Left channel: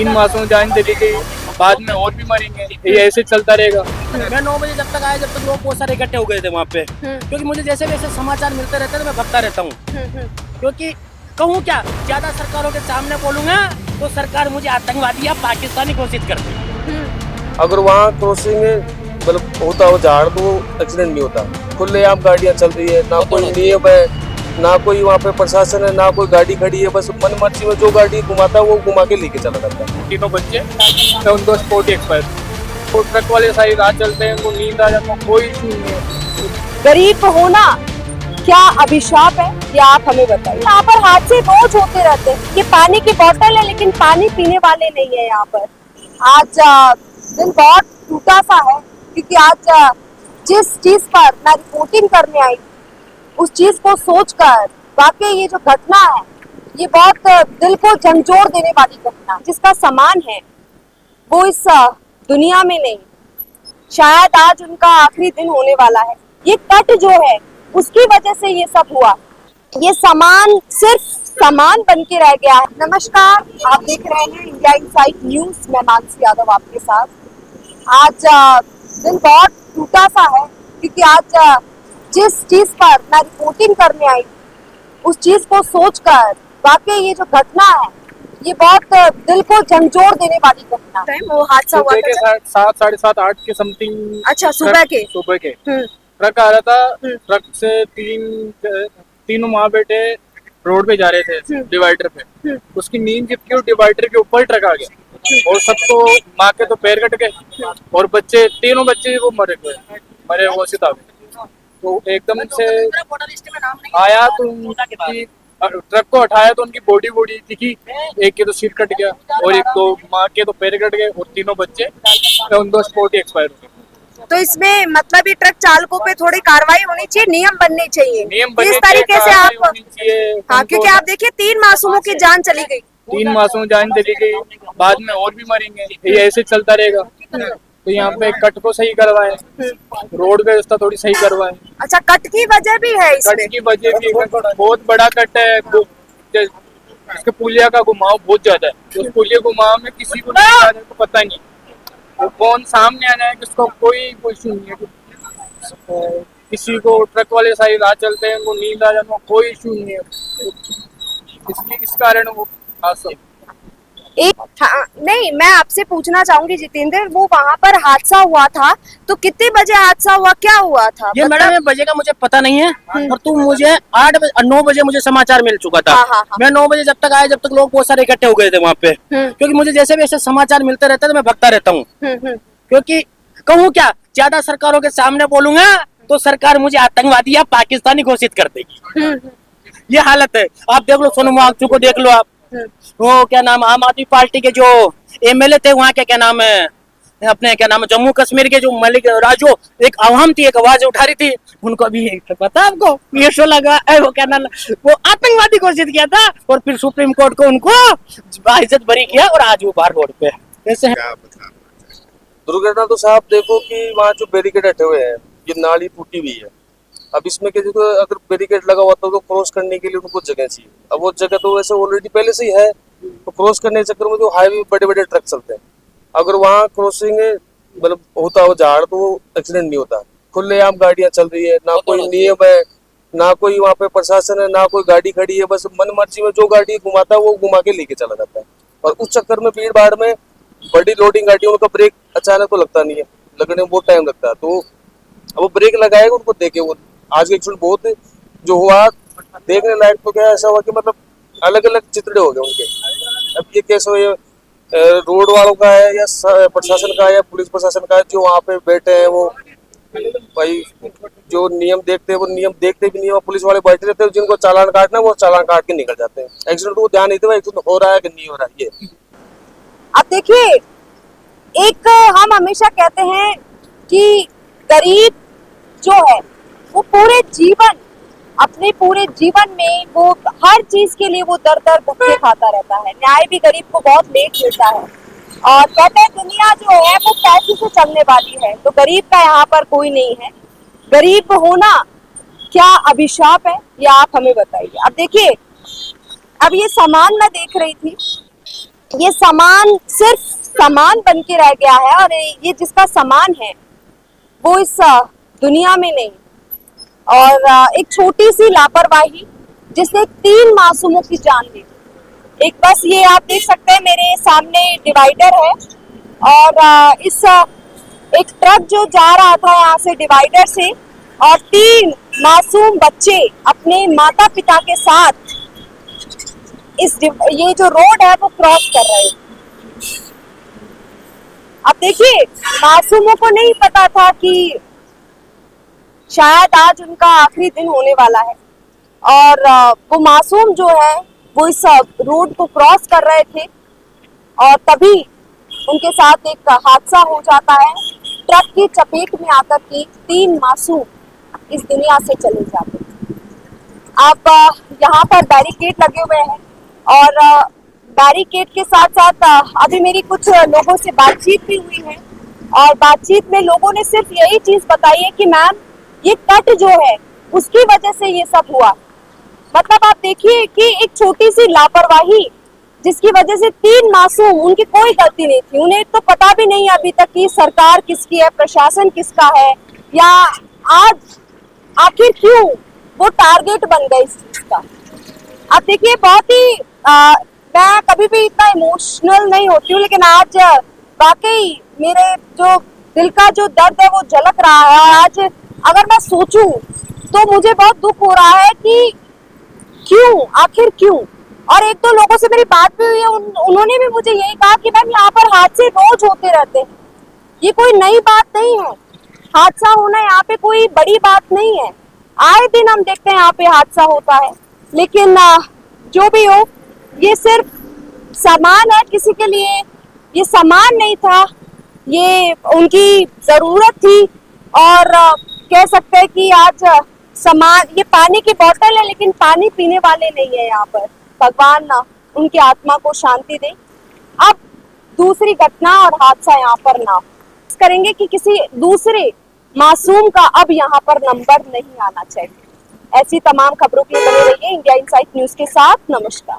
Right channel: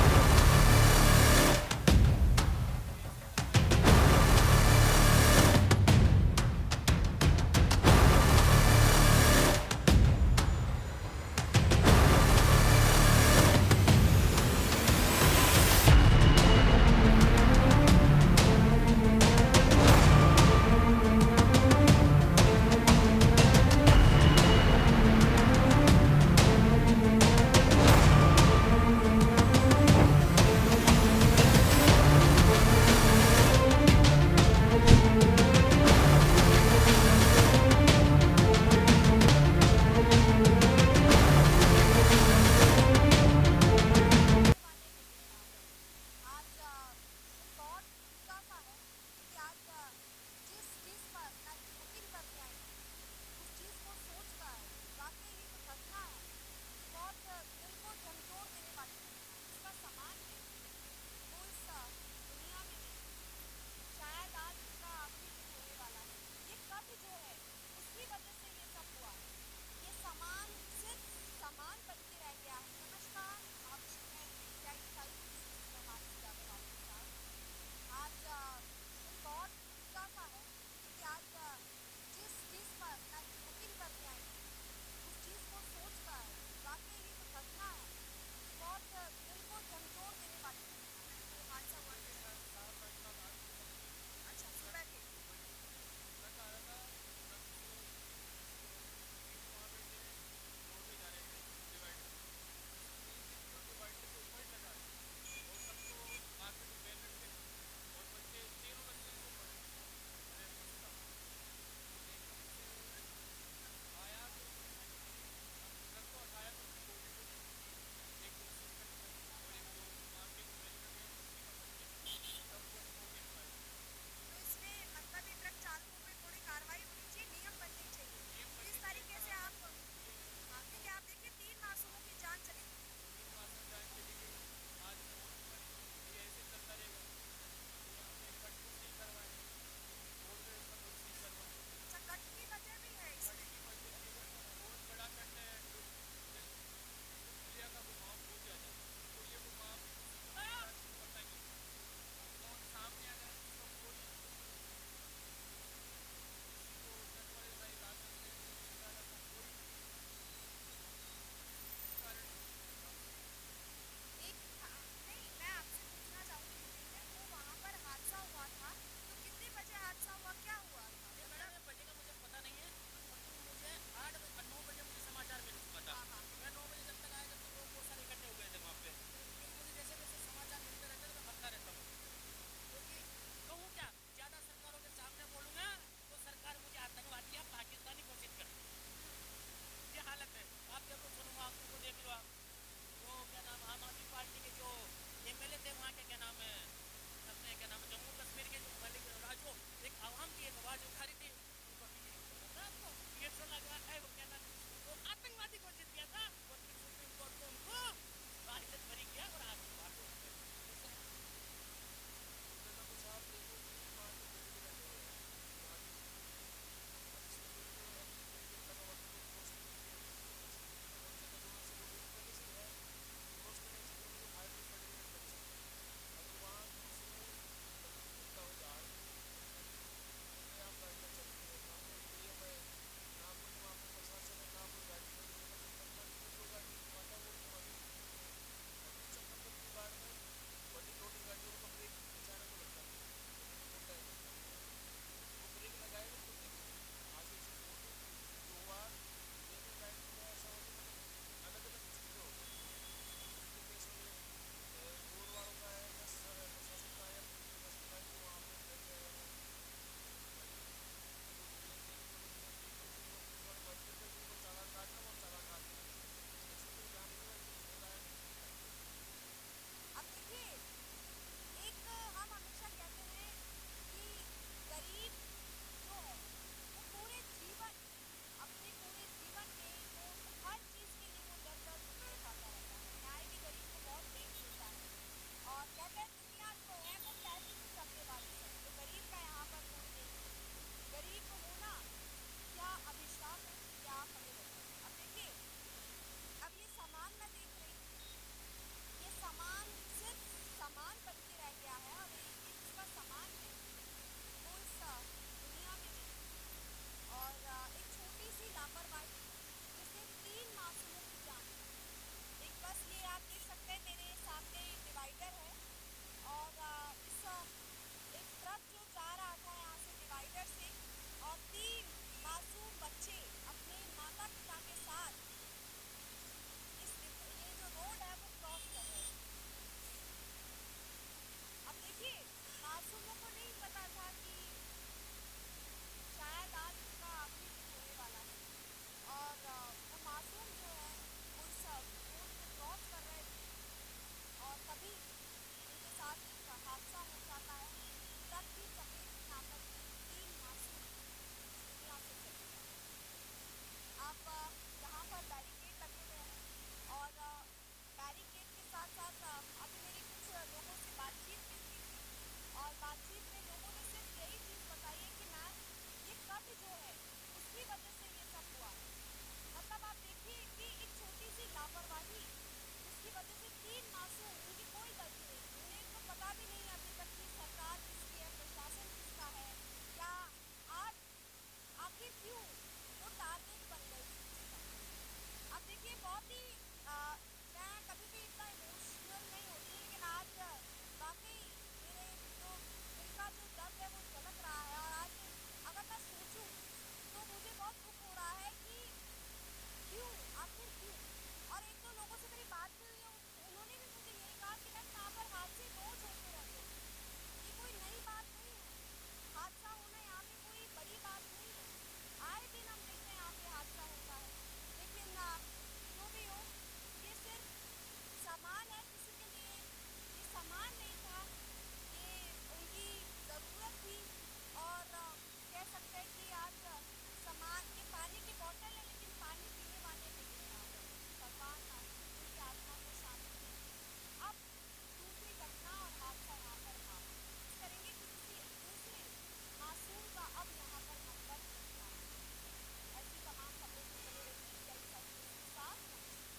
3 मासूम जान चली गई, बाद में और भी मरेंगे, ये ऐसे चलता रहेगा। मैं 9 बजे जब तक आया, जब तक लोग बहुत सारे इकट्ठे हो गए थे वहाँ पे, क्योंकि मुझे जैसे वैसे समाचार मिलते रहते थे, मैं भगता रहता हूँ। क्योंकि कहूँ क्या, ज्यादा सरकारों के सामने बोलूंगा तो सरकार मुझे आतंकवादी या पाकिस्तानी घोषित कर दे। अगर वहाँ क्रॉसिंग मतलब होता हो झाड़ तो एक्सीडेंट नहीं होता। खुलेआम गाड़ियाँ चल रही है, ना कोई नियम है, ना कोई वहाँ पे प्रशासन है, ना कोई गाड़ी खड़ी है, बस मन मर्जी में जो गाड़ी घुमाता है वो घुमा के लेके चला जाता है। तीनों बच्चे तो उनको स्पोर्ट एक्सपायर, तो ट्रक वाले सारी रात चलते हैं, उनको नींद आ जाता है, कोई इशू नहीं है। गरीब होना क्या अभिशाप है, ये आप हमें बताइए। यहाँ पर हादसे रोज होते रहते हैं। ये पानी की बोतल है, लेकिन पानी पीने वाले नहीं है यहाँ पर। आज दिन बहुत टूटा सा है, क्योंकि आज जिस चीज पर मैं रिपोर्टिंग करने आई, उस चीज को सोचकर वाकई ये जो घटना है, ये बहुत दिल को झंझोर देने वाली घटना। जिसका सामान है वो इस दुनिया में नहीं, शायद आज उनका आखिरी दिन होने वाला है। ये कट जो है उसकी वजह से ये सब हुआ। ये सामान सिर्फ सामान बन के रह गया है। नमस्कार, आप देख रहे हैं इंडिया इनसाइट न्यूज, मैं मानसी यादव आपके साथ। आज दिन बहुत टूटा सा है, क्योंकि आज जिस चीज पर मैं रिपोर्टिंग करने आई, उस चीज को सोचकर वाकई ये जो घटना है, ये बहुत दिल को झंझोर देने वाली घटना है। वो हादसा हुआ सुबह के 7, 7:30, 8 के समथिंग। अच्छा, सुबह के ट्रक आ रहा था, ट्रक से तीनों माँ बेटे रोड पे जा रहे थे डिवाइडर पे, उसकी नींद जबकि वो डिवाइडर के ऊपर ट्रक आ गया और सबको माँ के तो पैर कट गए और बच्चे, तीनों बच्चे वो मरे वो सीधा। तो एकदम से आया तो उनकी ट्रक को हटाया तो उनकी बॉडी दिखी, एक के तो सिर कट गया और एक तो माँ के तो पैर कट गए और तीनों बच्चे उनको स्पॉट एक्सपायर हो गए। तो इसमें मतलब ये ट्रक चालकों पे थोड़ी कार्रवाई होनी चाहिए, नियम बनने चाहिए। इस तरीके से आप, हाँ, क्योंकि आप देखिए 3 मासूमों की जान चली गई, 3 मासूम जान चली गई, बाद में और भी मरेंगे, ये ऐसे चलता रहेगा। तो यहाँ पे कट को सही करवाए, रोड व्यवस्था थोड़ी सही करवाए। अच्छा, कट की वजह भी है इसमें? कट की वजह भी बहुत बड़ा कट है, इसके पुलिया का घुमाव बहुत ज्यादा है। उस पुलिया घुमाव में किसी को नहीं आ जाए तो पता नहीं वो कौन सामने आ जाए, किसको कोई इशू नहीं है। किसी को ट्रक वाले सारी रात चलते हैं, उनको नींद आ जाए, कोई इशू नहीं है। इस कारण वो नहीं, मैं आपसे पूछना चाहूंगी जितेंद्र, वो वहाँ पर हादसा हुआ था तो कितने बजे हादसा हुआ, क्या हुआ था? ये मैडम, ये बजे का मुझे पता नहीं है, और तुम मुझे 9 बजे मुझे समाचार मिल चुका था। हाँ। मैं 9 बजे जब तक आया, जब तक लोग बहुत सारे इकट्ठे हो गए थे वहाँ पे, क्योंकि मुझे जैसे वैसे समाचार मिलते रहते थे, मैं भगता रहता हूँ। क्योंकि कहूँ क्या, ज्यादा सरकारों के सामने बोलूंगा तो सरकार मुझे आतंकवादी या पाकिस्तानी घोषित कर देगी। ये हालत है। आप देख लो सोनम वांगचुक को देख लो आप, वो क्या नाम, आम आदमी पार्टी के जो एमएलए थे वहाँ के, क्या नाम है अपने, क्या नाम है जम्मू कश्मीर के जो मलिक राजो, एक आवाम थी, एक आवाज उठा रही थी, उनको भी पता आपको ये शो लगा, वो क्या नाम, वो आतंकवादी घोषित किया था और फिर सुप्रीम कोर्ट को उनको बाइज्जत बरी किया और आज वो बाहर रोड पे ऐसे। दुर्घटना तो साहब देखो कि वहाँ जो बैरिकेड हटे हुए हैं, ये नाली टूटी हुई है। अब इसमें क्या, देखो अगर बैरिकेड लगा हुआ तो क्रॉस करने के लिए उनको जगह चाहिए। अब वो जगह तो वैसे ऑलरेडी पहले से ही है, तो क्रॉस करने के चक्कर में तो हाईवे बड़े बड़े ट्रक चलते हैं। अगर वहाँ क्रॉसिंग मतलब होता हो झाड़ तो एक्सीडेंट नहीं होता। खुलेआम गाड़ियाँ चल रही है, ना कोई नियम है, ना कोई वहाँ पे प्रशासन है, ना कोई गाड़ी खड़ी है, बस मन मर्जी में जो गाड़ी घुमाता है वो घुमा के लेके चला जाता है। और उस चक्कर में भीड़ भाड़ में बड़ी लोडिंग गाड़ियों का ब्रेक अचानक तो लगता नहीं है, लगने में बहुत टाइम लगता है। तो अब वो ब्रेक लगाएगा उनको देखे, वो आज के एक्सीडेंट बहुत जो हुआ देखने लायक तो क्या ऐसा हुआ कि मतलब अलग अलग चित्रे हो गए उनके। अब ये कैसे हो, रोड वालों का है या प्रशासन का है या पुलिस प्रशासन का है, जो वहाँ पे बैठे हैं वो भाई जो नियम देखते हैं वो नियम देखते भी नहीं है। पुलिस वाले बैठे रहते हैं, जिनको चालान काटना है वो चालान काट के निकल जाते हैं। एक्सीडेंट को ध्यान नहीं देते एक्सीडेंट हो रहा है कि नहीं हो रहा है। ये अब देखिए, एक हम हमेशा कहते हैं कि गरीब जो है वो अपने पूरे जीवन में वो हर चीज के लिए वो दर दर भुक्के खाता रहता है। न्याय भी गरीब को बहुत लेट मिलता है, और कहते हैं दुनिया जो है वो पैसे से चलने वाली है, तो गरीब का यहाँ पर कोई नहीं है। गरीब होना क्या अभिशाप है, ये आप हमें बताइए। अब देखिए, अब ये सामान मैं देख रही थी, ये सामान सिर्फ सामान बन के रह गया है, और ये जिसका सामान है वो इस दुनिया में नहीं। और एक छोटी सी लापरवाही जिसने 3 मासूमों की जान ली। एक बस ये आप देख सकते हैं मेरे सामने डिवाइडर है, और इस एक ट्रक जो जा रहा था यहाँ से डिवाइडर से, और 3 मासूम बच्चे अपने माता पिता के साथ ये जो रोड है वो क्रॉस कर रहे हैं। अब देखिए, मासूमों को नहीं पता था कि शायद आज उनका आखिरी दिन होने वाला है, और वो मासूम जो है वो इस रोड को क्रॉस कर रहे थे, और तभी उनके साथ एक हादसा हो जाता है। ट्रक की चपेट में आकर के 3 मासूम इस दुनिया से चले जाते हैं। अब यहाँ पर बैरिकेड लगे हुए हैं, और बैरिकेड के साथ साथ अभी मेरी कुछ लोगों से बातचीत भी हुई है, और बातचीत में लोगों ने सिर्फ यही चीज बताई है कि मैम ये कट जो है उसकी वजह से ये सब हुआ। मतलब आप देखिए कि एक छोटी सी लापरवाही जिसकी वजह से 3 मासूम, उनकी कोई गलती नहीं थी, उन्हें तो पता भी नहीं अभी तक कि सरकार किसकी है, प्रशासन किसका है, या आज आखिर क्यों वो टारगेट बन गए इस चीज का। आप देखिए, बहुत ही मैं कभी भी इतना इमोशनल नहीं होती हूँ, लेकिन आज वाकई मेरे जो दिल का जो दर्द है वो झलक रहा है। और आज अगर मैं सोचूं तो मुझे बहुत दुख हो रहा है कि क्यों, आखिर क्यों। और एक दो लोगों से मेरी बात भी हुई है, उन्होंने भी मुझे यही कहा कि मैम यहाँ पर हादसे रोज होते रहते हैं, ये कोई नई बात नहीं है, हादसा होना यहाँ पे कोई बड़ी बात नहीं है, आए दिन हम देखते हैं यहाँ पे हादसा होता है। लेकिन जो भी हो, ये सिर्फ सामान है किसी के लिए, ये सामान नहीं था, ये उनकी जरूरत थी। और कह सकते हैं कि आज सामान, ये पानी की बोतल है लेकिन पानी पीने वाले नहीं है यहाँ पर। भगवान ना उनकी आत्मा को शांति दे। अब दूसरी घटना और हादसा यहाँ पर ना करेंगे कि किसी दूसरे मासूम का अब यहाँ पर नंबर नहीं आना चाहिए। ऐसी तमाम खबरों के लिए बने रहिए इंडिया इनसाइट न्यूज के साथ। नमस्कार।